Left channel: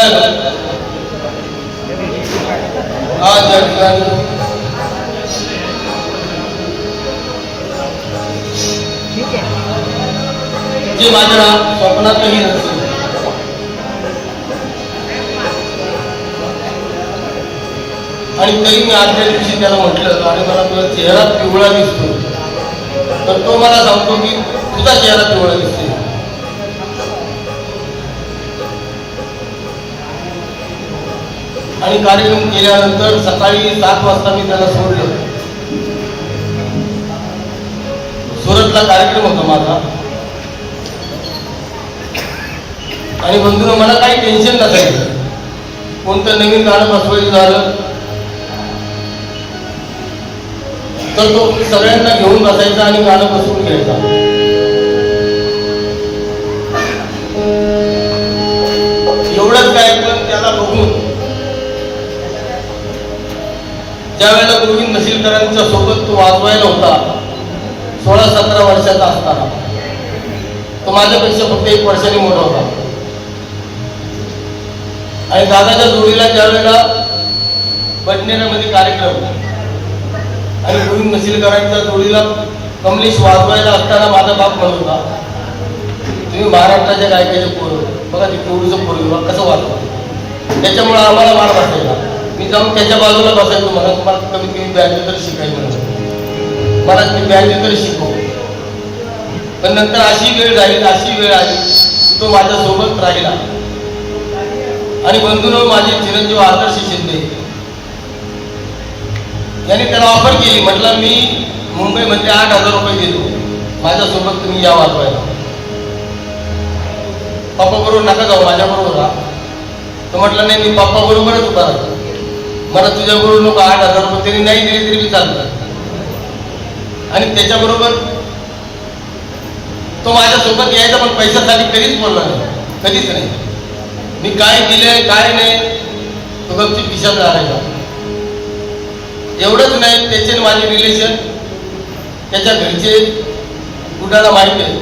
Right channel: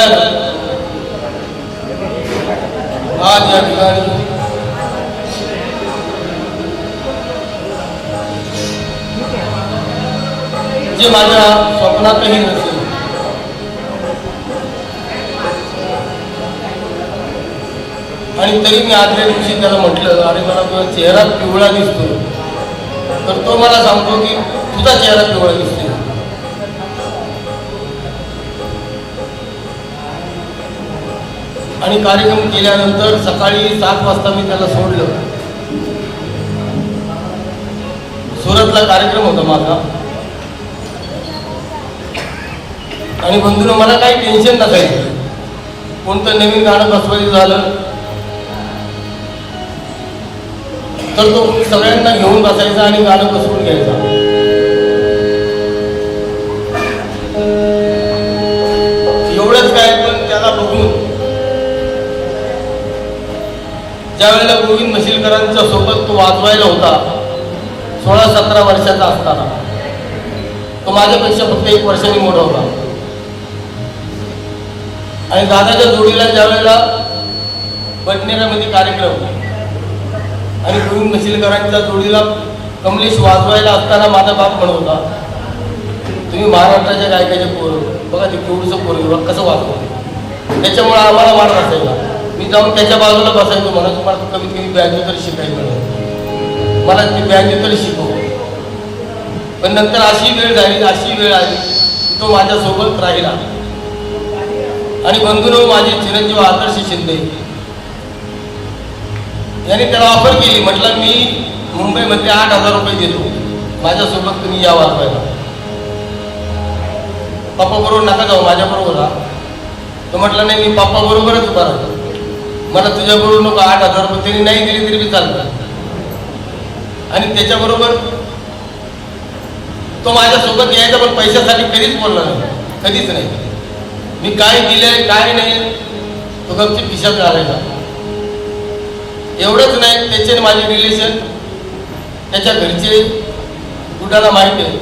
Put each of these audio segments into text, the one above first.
दयाने आज या ठिकाणी जे माझ्या स्वप्नातही नसते आणि तरी मी आदल्या दिवशी त्याला म्हटलं, आणि मला तुझा चेहरा पिवळा दिसतो, तर तो मला सांगतो की तुझा चेहरा पिवळा दिसतो. आणि कार्यक्रम केल्यानंतर सकाळी 7 वाजता मी त्याला सोडलं. सुरतला कार्यक्रम होता माझा, आणि बंधूंनो मला काही टेन्शन नसायचं. कोणतं नवीन गाणं बसवायचं झालं तर तो सगळ्यांना घेऊन बसायचा आणि गाणं बसवून घ्यायचा. एवढंच काय, पण त्याला बघून ज्या वेळेला गोविंद नसिलकरांच्या सोबत तो वाजवायला होता 16-17 वर्षाचा असताना, तो माझ्यापेक्षा फक्त 1 वर्षांनी मोठा होता. आणि दादाच्या जोडीला ज्या वेळेला बडनेरामध्ये कार्यक्रम आणि गोविंद नसिलकरांच्या जोडीला कमलेश वाजवायला असताना माझा बाप म्हणत होता, तुम्ही महाराष्ट्राच्या गायकाचे पोरं बघा, ते केवढूचं पोरं कसं वाजवतो. त्याच्यामुळे आम्हाला मार असायला. मी जाऊन त्याच्या बाजूला बसायचो, म्हणा तुम्हाला कमीत कमी बँजो तरी शिकायचं, मला ते बँजो तरी शिकव. पण नंतर अशी वेळ आली की तो माझ्यासोबत राहिला. आणि बंधूंनो, माझे चिरंजीव आदर्श शिंदे यांनी त्याला ऑफर केली. म्हटलं मी मुंबईमध्ये 8,000 रुपये देतो, माझ्यासोबत तुम्ही या वाजवायला. पप्पा बरोबर नका जाऊ, माझ्याबरोबर राहा. तर म्हटलं नाही, मी पप्पा बरोबरच उभा राहतो, मला तुझ्याबरोबर नको. 8,000 रुपये त्यांनी नाही दिले तरी मी चालतो. आणि त्याच्याबरोबर तो माझ्यासोबत यायचा, पण पैशासाठी कधीच बोलला नाही, कधीच नाही. मी काय दिलंय काय नाही तो गपची खिशात राहायचा. एवढंच नाही, त्याचे माझे रिलेशन, त्याच्या घरचे गुड्डाला माहिती आहे,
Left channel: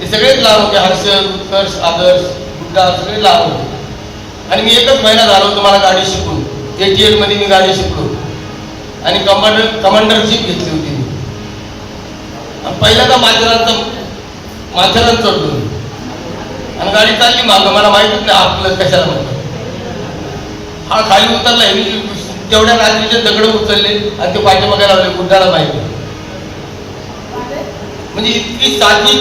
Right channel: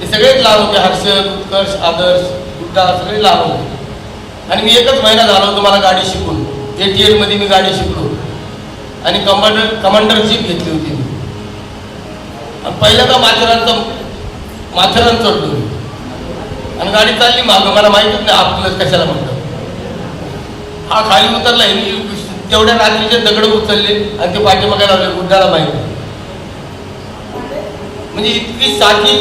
ते सगळेच लहान होते. हर्षद, उत्कर्ष, आदर्श, गुड्डा सगळे लहान होते. आणि मी 1च महिना झालो तुम्हाला गाडी शिकून. ATL मध्ये मी गाडी शिकलो आणि कमांडर जीप घेतली होती. पहिल्यांदा माथेरान चढलो आणि गाडी चालली मागं. मला माहितीच नाही आपलं कशाला म्हणतो. हा खाली उतरला, तेवढ्या रात्रीचे दगड उचलले आणि ते पाठीमागे लावले. गुड्डाला माहिती, म्हणजे इतकी साधी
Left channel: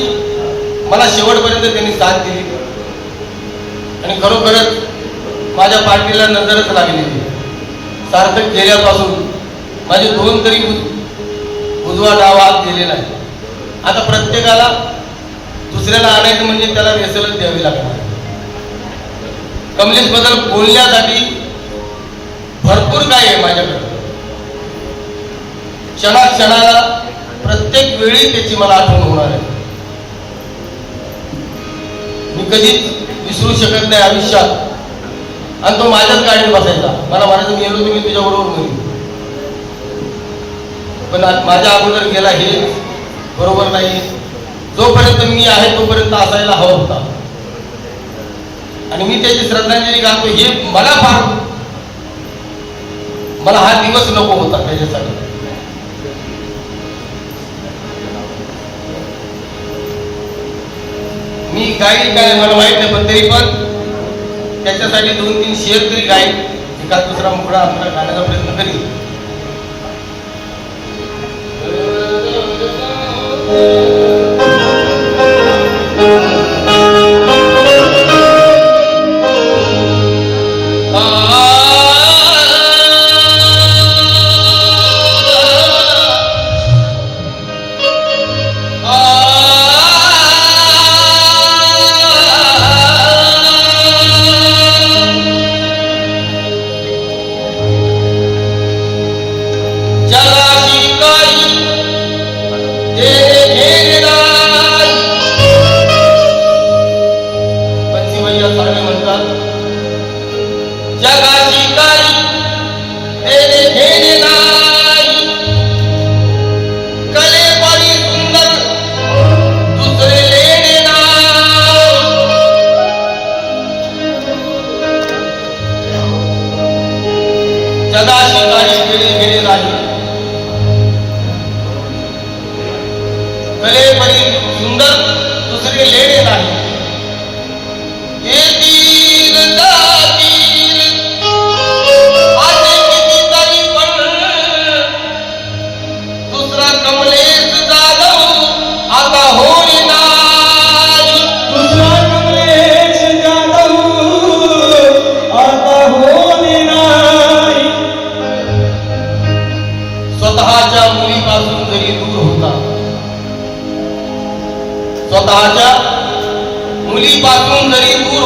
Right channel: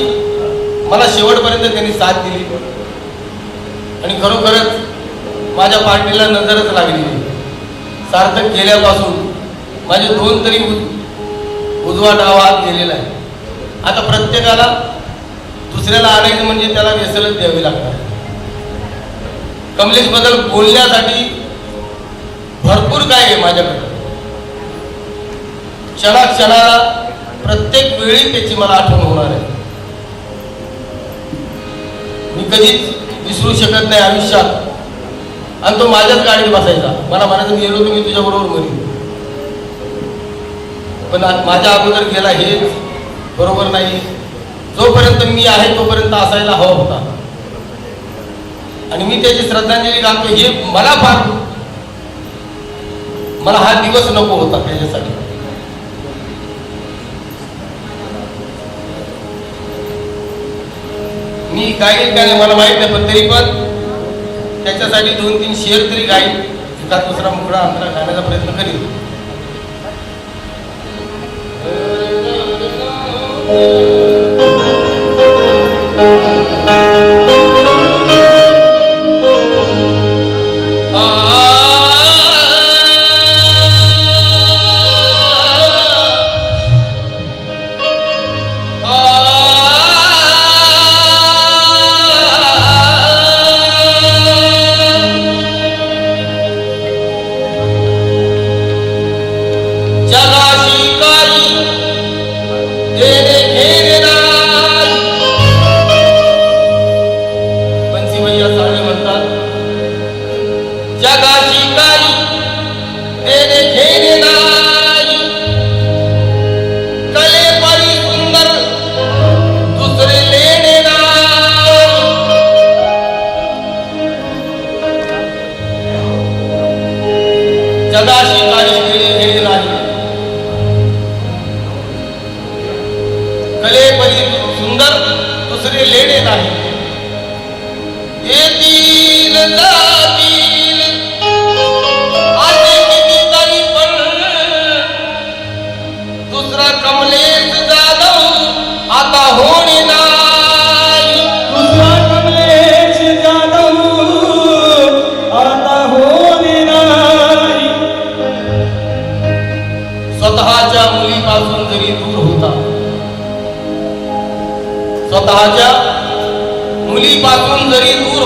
मला शेवटपर्यंत त्यांनी साथ दिली. आणि खरोखरच माझ्या पाठीला नजरच लागली. सार्थक केल्यापासून माझे 2 तरी उजवा डावा हात गेलेला आहे. आता प्रत्येकाला दुसऱ्याला आणायचं म्हणजे त्याला वेसळच द्यावी लागणार. कमलेश बद्दल बोलण्यासाठी भरपूर काय आहे माझ्याकडे. क्षणाक्षणाला प्रत्येक वेळी त्याची मला आठवण होणार आहे. मी कधीच विसरू शकत नाही आयुष्यात. आणि तो माझ्याच गाडीत बसायचा. मला म्हणायचं गेलो तुम्ही तुझ्याबरोबर बोलू, पण माझ्या अगोदर गेला हे बरोबर नाही. जोपर्यंत मी आहे तोपर्यंत असायला हवा होता. आणि मी त्याची श्रद्धांजली घालतो. हे मला हा दिवस नको होता त्याच्यासाठी. मी गाईड काय मला माहित नाही, पण तरी पण त्याच्यासाठी 2-3 शेअर तरी गाईड एका दुसरा मुकडा आपल्याला गाण्याचा प्रयत्न करेल. जगाची काही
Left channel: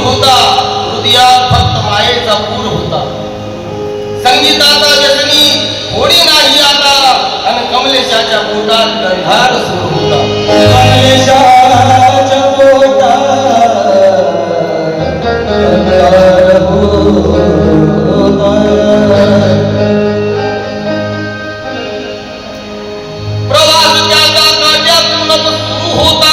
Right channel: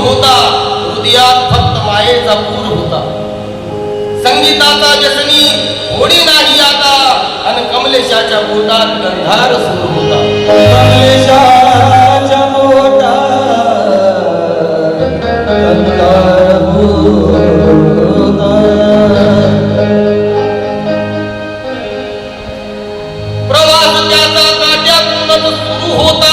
होता, हृदयात फक्त मायेचा पूर होता. संगीताचा व्यसनी होडी नाही आता, आणि कमलेशाच्या पोटात गंधार सुरू होता. कमलेशाच्या पोटात गंधार होता. प्रवास त्याचा काट्यातूनच सुरू होता.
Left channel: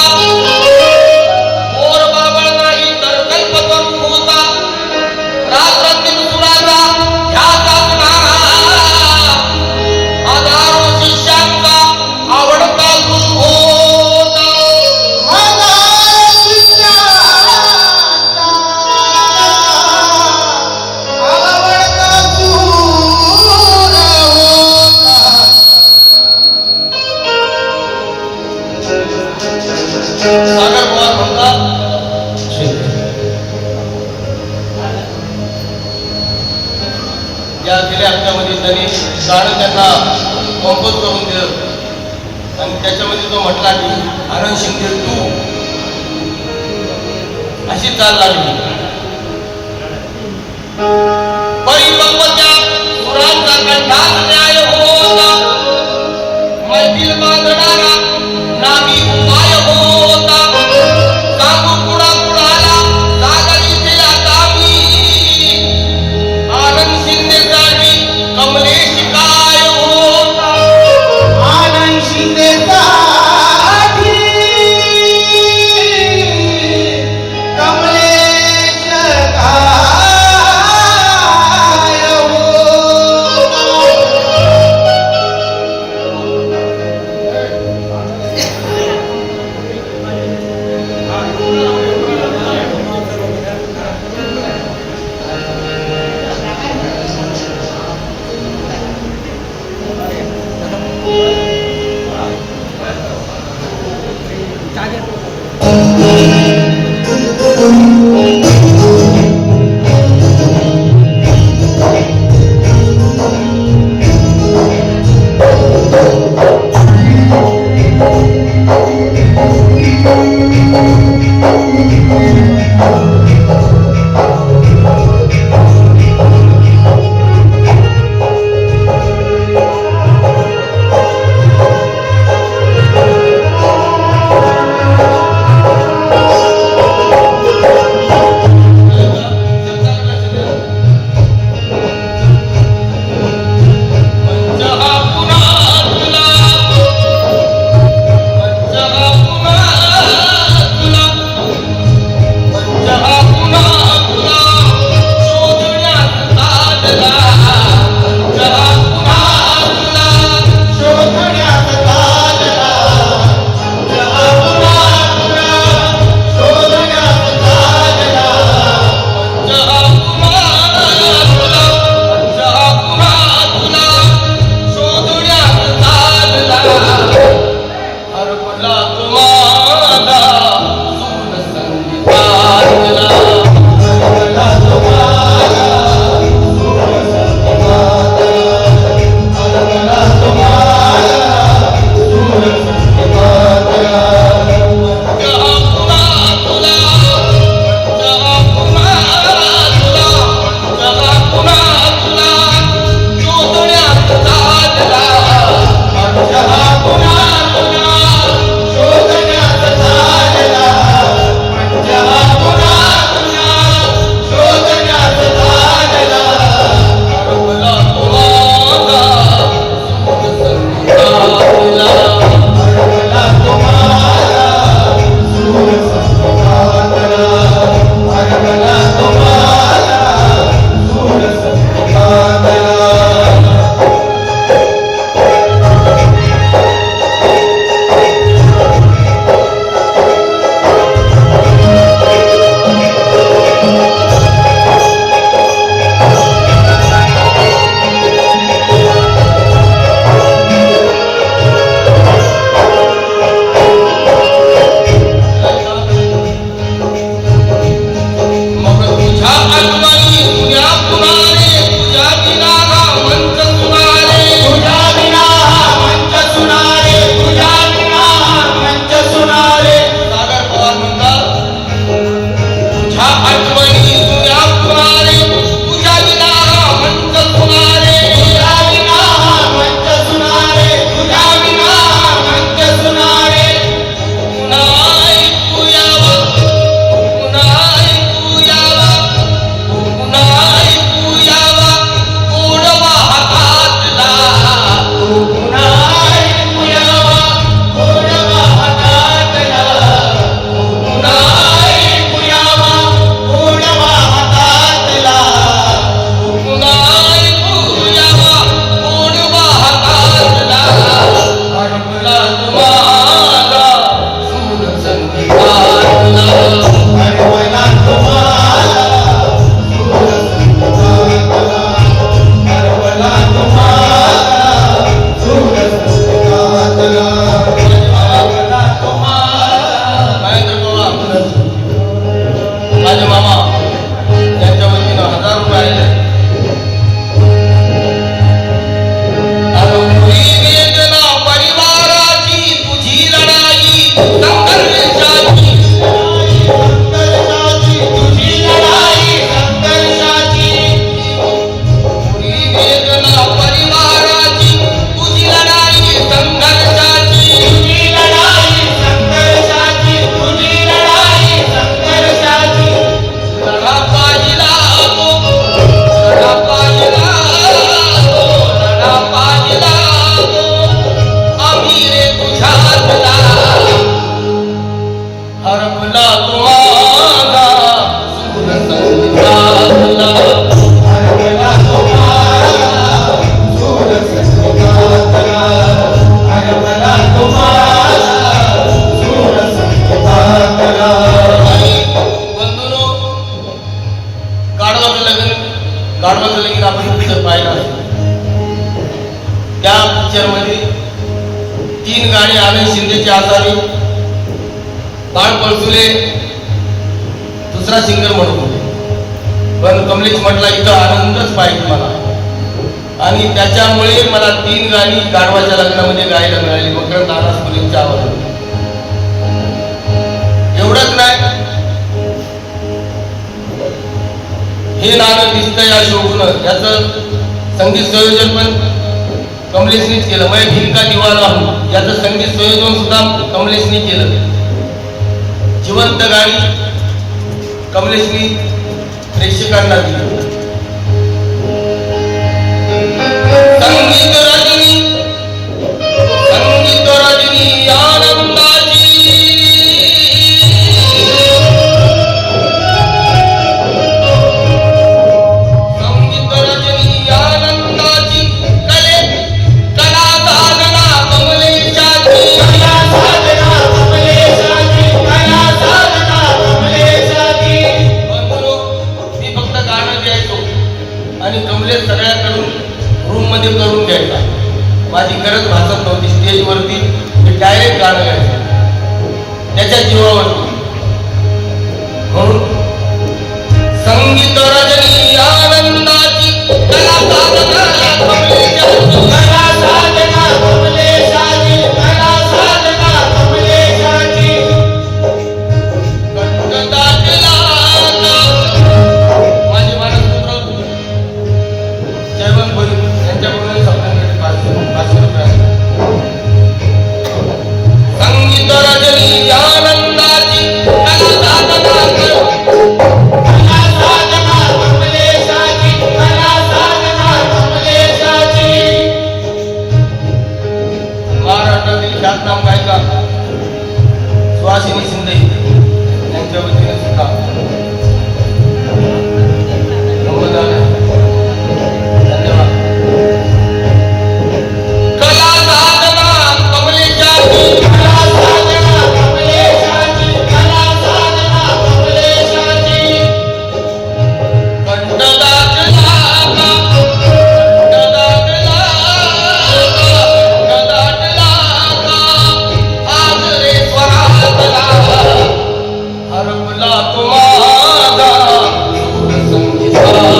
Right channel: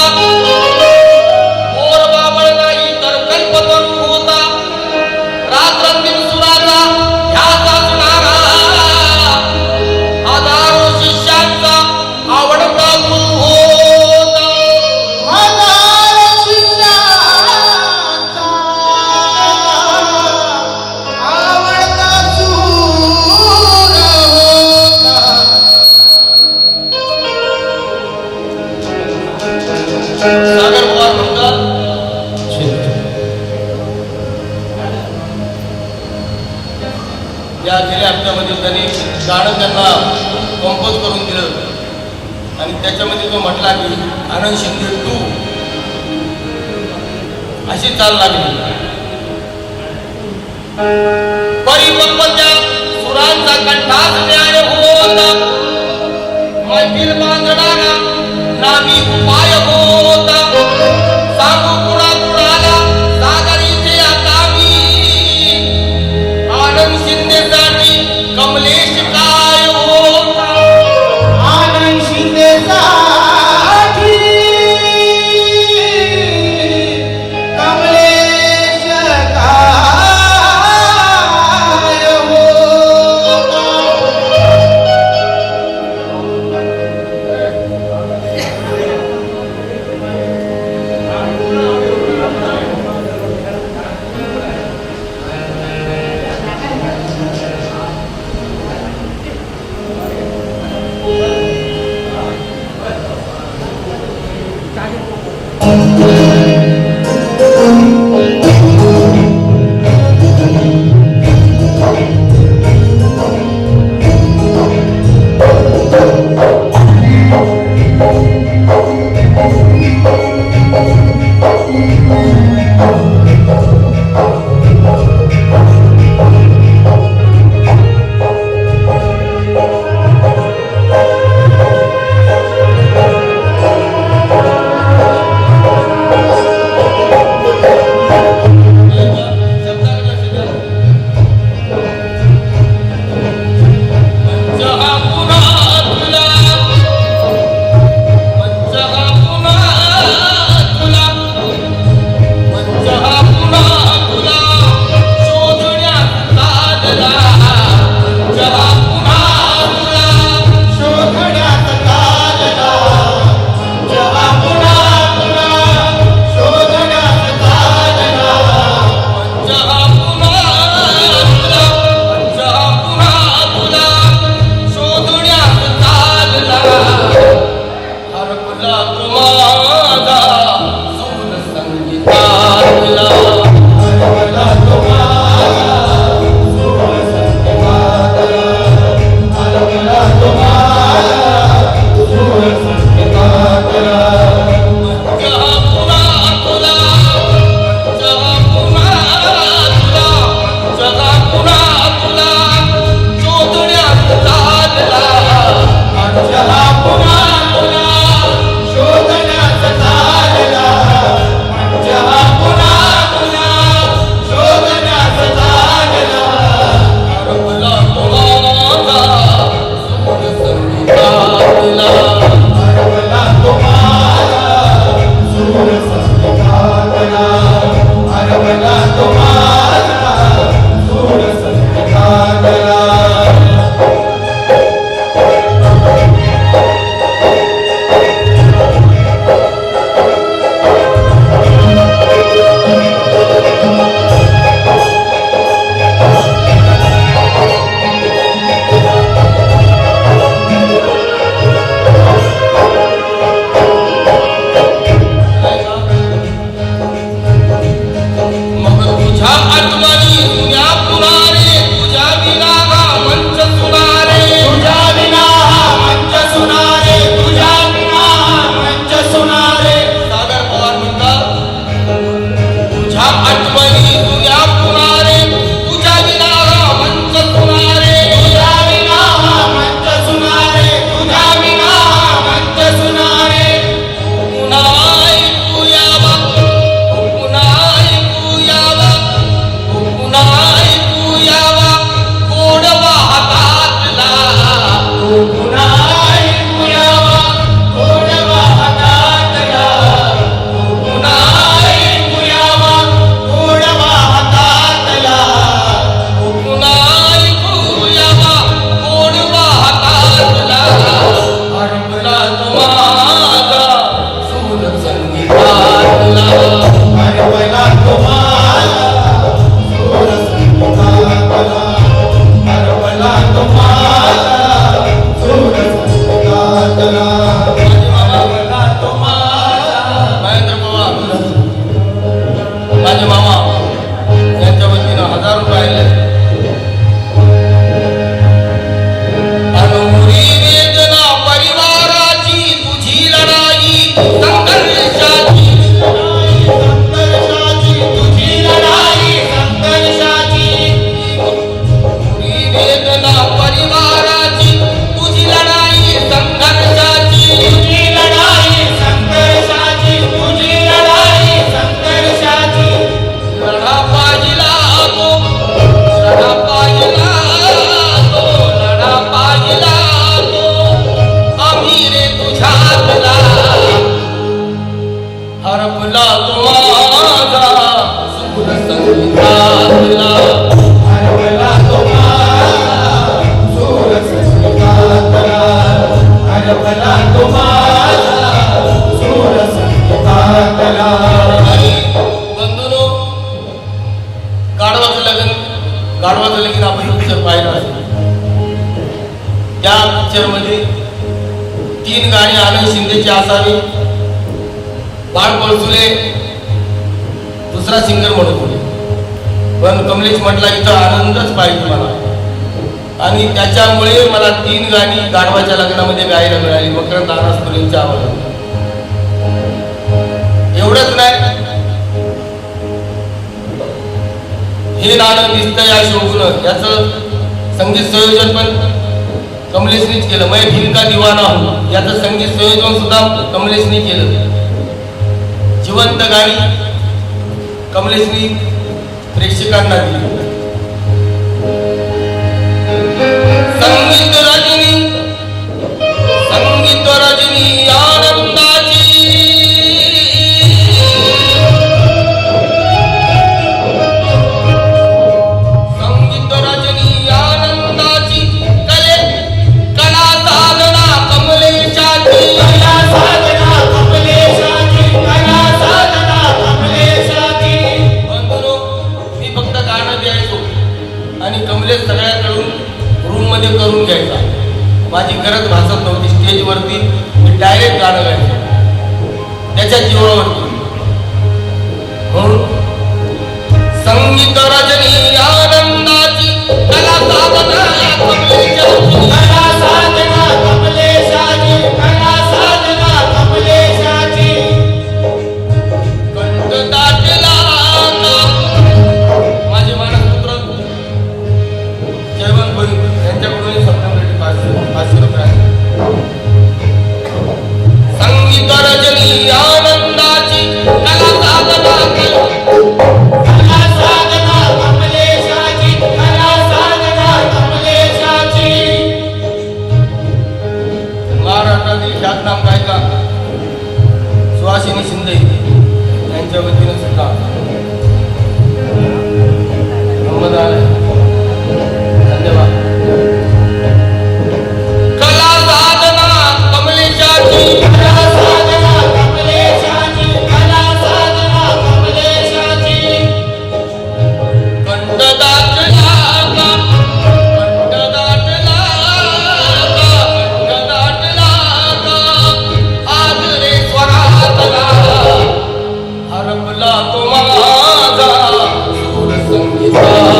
या गेल्या हप्त्यामध्ये त्यांनी गाणं त्यांना कंपोज करून दिलं आणि त्याच्यामध्ये तो म्हटला की आनंद शिंदे तू अशी चाल लागली. परिपक्वत्या सुरांचा कंठात न्याय होता. मैफिल बांधणारा नामी उपाय होता. सांगू कुणा कुणाला सागरीचे आता मी. आनंद शिंदे कमलेश काय होता. आनंद शिंदे साठी कमलेश काय जहाँ पळसुले दुसरा सिंगर म्हणत होते, पण कमलेश म्हटला इथं आनंदच पाहिजे मला, आणि त्याच्यामुळे मला 3 गाणी गाढवाच्या लग्नामध्ये गायला मिळाली. मकरंद अनासपुरेंच्या आवाजात. एवढंच नाही, हे नाणं दिसतं या शोभून याचं संगीत संयोजन पण कमलेशनीच केलं. मैं दिल का दीवाना हूं याचं संगीत संयोजन सुद्धा कमलेशनी केलं. जिवंत गाणी कमलेशनी प्रेक्षकांना दिली. संगीत रजनी आनंदाची, संगीत रजनी आनंदाची, कला साधना कमलेशाची, कला साधना कमलेशाची, कला साधना कमलेशाची. बंधुनो, मी फक्त गाणं द्यायचो आणि कमलेश सगळ्यांकडून रूम मध्ये करून घ्यायचा. माझी गरज भासत नव्हती. स्टेजवरती मी डायरेक्ट गाणं गायचो त्याच्या जीवावरती. म्हणून संगीत रजनी आनंदाची, कला साधना कमलेशाची, कला साधना कमलेशाची, कला साधना कमलेशाची. कंठदाटिला माझे मानसपुत्र जयवंत बोरी यांच्याकडून सप्ताहासाठी पास संगीत रजनी आनंदाची, कला साधना कमलेशाची, कला साधना कमलेशाची. महाराष्ट्रातील ख्यातनाम गायिका सुहासिनी शिंदे यांच्या वतीने सुद्धा धन्यवाद. कला साधना कमलेशाची, कला साधना कमलेशाची, कला साधना कमलेशाची. कंठदाटला आगरे स्वरातला, हरपला तो माझा सूर संगीतातला.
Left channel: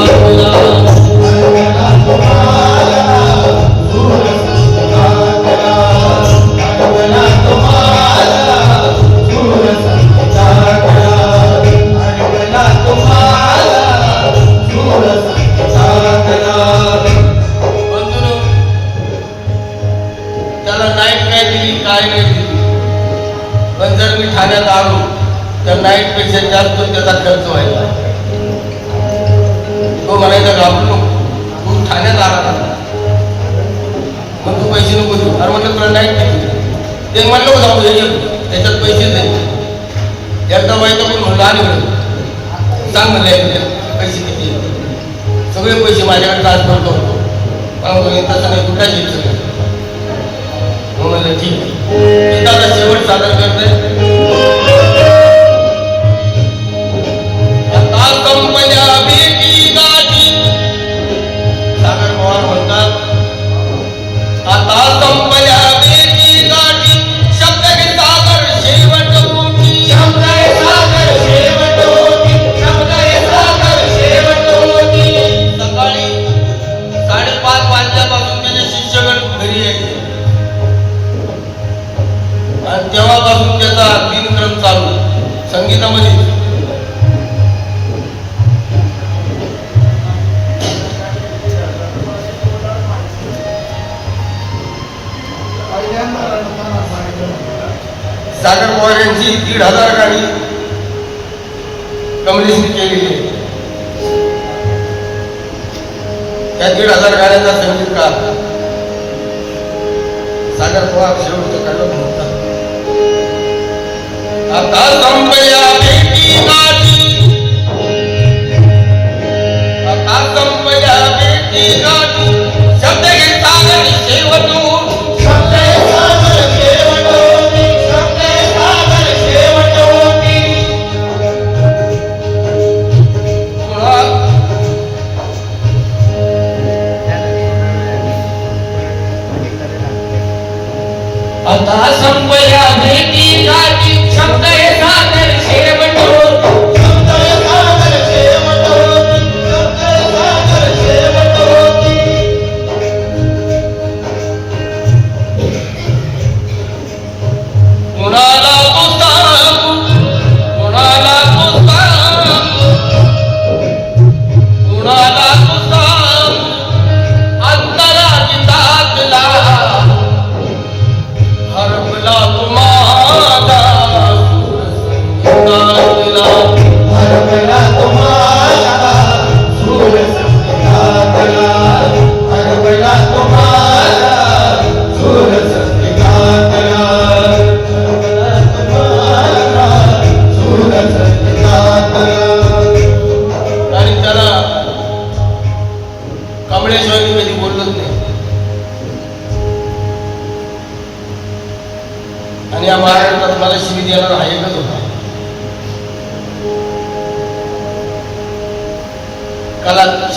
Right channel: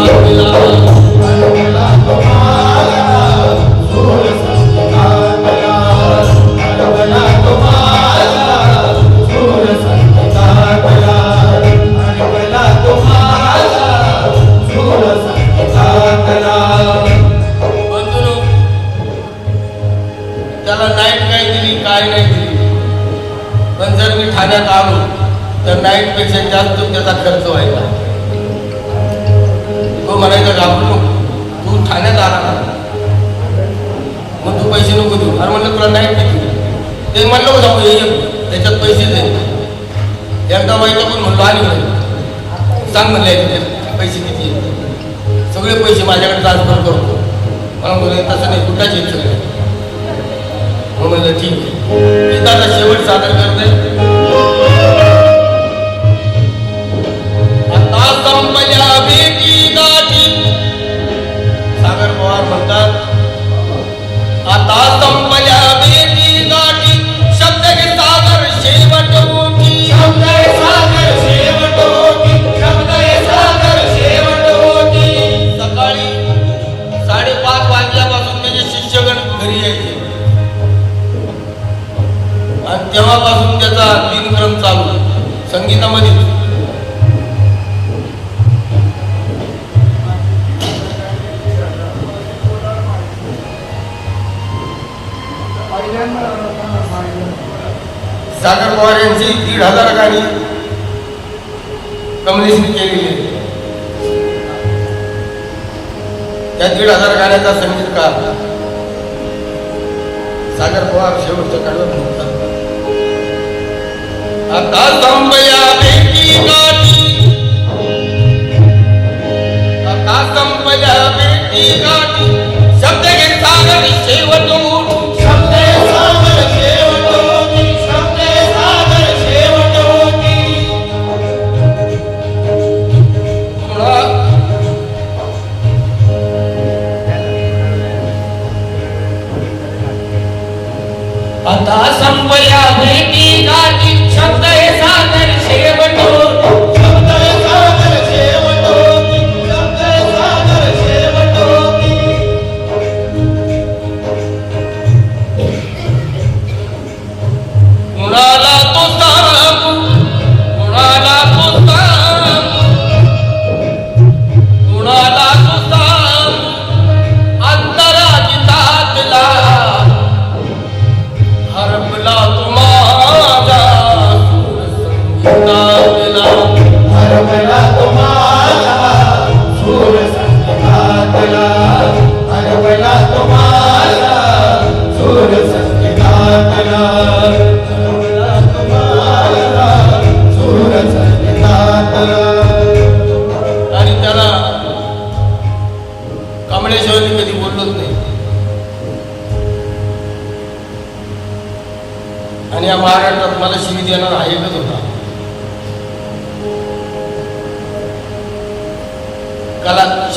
बंधुनो, त्याला नाईट काय दिली काय नाही दिली, पण जर मी ठाण्यात आलो तर नाईट पेक्षा जास्त त्याचा खर्च व्हायचा. तो म्हणायचा घाबरू नको, तू ठाण्यात आला मग तू पैसे नको देऊ. अरे म्हणलं तुला नाईट किती ते म्हणलं जाऊ त्याच्यात पैसे दे. एकदा व्हायचं पण म्हणलं आणि म्हणलं सांग म्हणले पैसे किती, सगळे पैसे माझ्याकडे ट्रान्सफर करतो. मला बोलले तसं नाही, कुठल्याच इच्छा म्हणलं ठीक आहे. दादा शेवट सादर करते. आता संपल्या भेटी गाठी, सागर पवार म्हणतात आता संपल्या भेटी गाठी, शब्द हे सागर शेवट होती, शब्द हे सागर शेवट होती, शब्द हे सागर शेवट होती. सकाळी 5:30 वाजल्यापासून त्याचे शिष्यगण घरी यायचे आणि तेव्हापासून त्याचा दिनक्रम चालू संगीतामध्ये. सागर पवार यांची 1,500 गाणी कमलेशने केलेली आहे. त्या 1,500 गाण्याचा संगीतकार सागर पवार शेवटच्या काळात होता. आता संपल्या भेटी गाठी, आता संपल्या भेटी गाठी, शब्द हे सागर शेवट होती, शब्द हे सागर शेवट होती, शब्द हे सागर शेवट होती. आता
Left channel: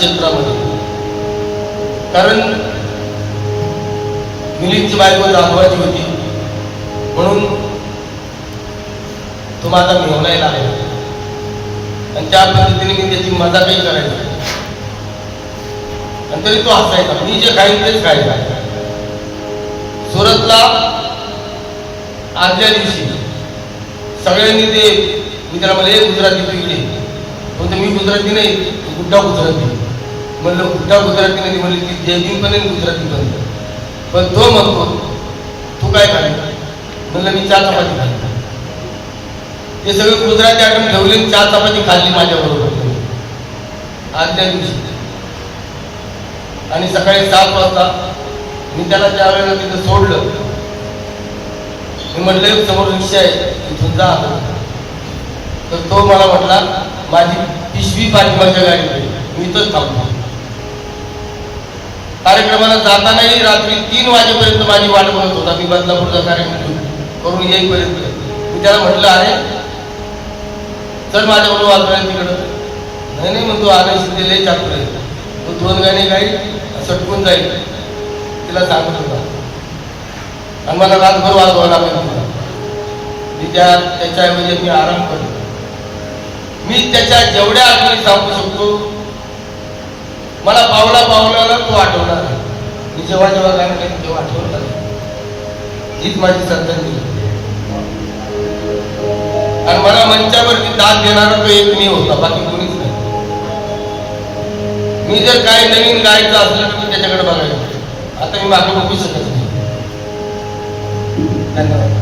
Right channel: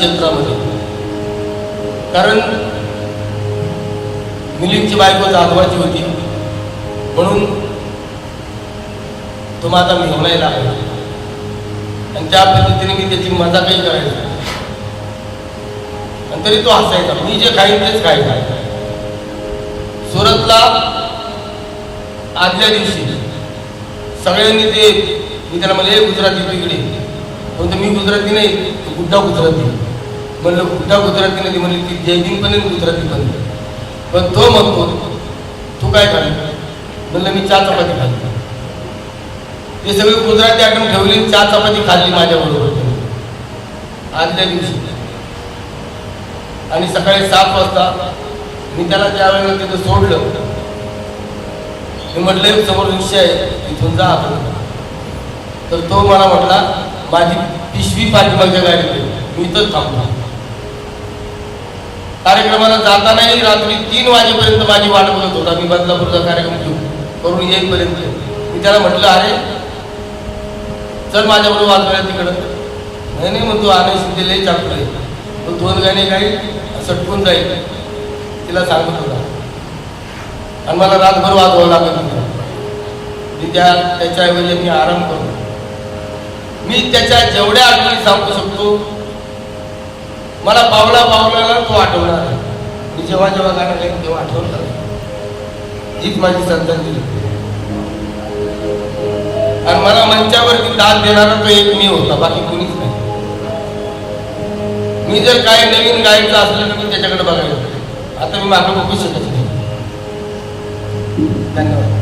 क्षेत्रामध्ये, कारण मिलिंदची बायको जाधवाची होती म्हणून तो माझा मिळवण्याला लागला आणि त्या पद्धतीने मी त्याची मजा काही करायची आणि तरी तो हसायचा. मी जे खाईन तेच खायचा. सुरतला आदल्या दिवशी सगळ्यांनी ते मी त्याला मध्ये गुजराती तिकडे पण मी गुजराती नाही, गुड्डा गुजराती म्हणलं. गुड्डा गुजराती नाही म्हणली, ती जयदीन पण गुजराती बनली. पण तो म्हणतो तू काय खाल्ली? म्हणलं मी 4 चपाती खाल्ली. ते सगळी गुजराती आठवण ठेवली, 4 चपाती खाल्ली माझ्याबरोबर आदल्या दिवशी. आणि सकाळी 7 वाजता मी त्याला 4 वेळेला तिथं सोडलं. मी म्हटलं समोर रिक्षा आहे इथून जा. तर तो मला म्हटला माझी पिशवी पाठीमागच्या गाडीत मी इथंच थांबतो. कार्यक्रमाला जातानाही रात्री 3 वाजेपर्यंत माझी वाट बघत होता. मी बदलापूरचा कार्यक्रम करून येईपर्यंत मी त्याला म्हटलं अरे चल माझ्याबरोबर वाजवायला तिकडं. नाही मग तू आणायची ते लई चापलं तो 2 गाणे गाईल सटकून जाईल तिला सांगत होता आणि मला रातभर वाजवायला लागेल. त्याच्याऐवजी मी आराम करतो. मी त्याच्या जेवढ्या आठवणी सांगू शकतो मला पावला तो आठवणार आहे. मी जेव्हा गाणं तेव्हा आठवणार हीच माझी श्रद्धांजली. आणि मला मंचावरती दाद देणारा तो एक मी होता, बाकी कोणीच नाही. मी जर काय नवीन गायचं असलं तर मी त्याच्याकडे बघायचं. आता मी मागे बघू शकत नाही. धन्यवाद.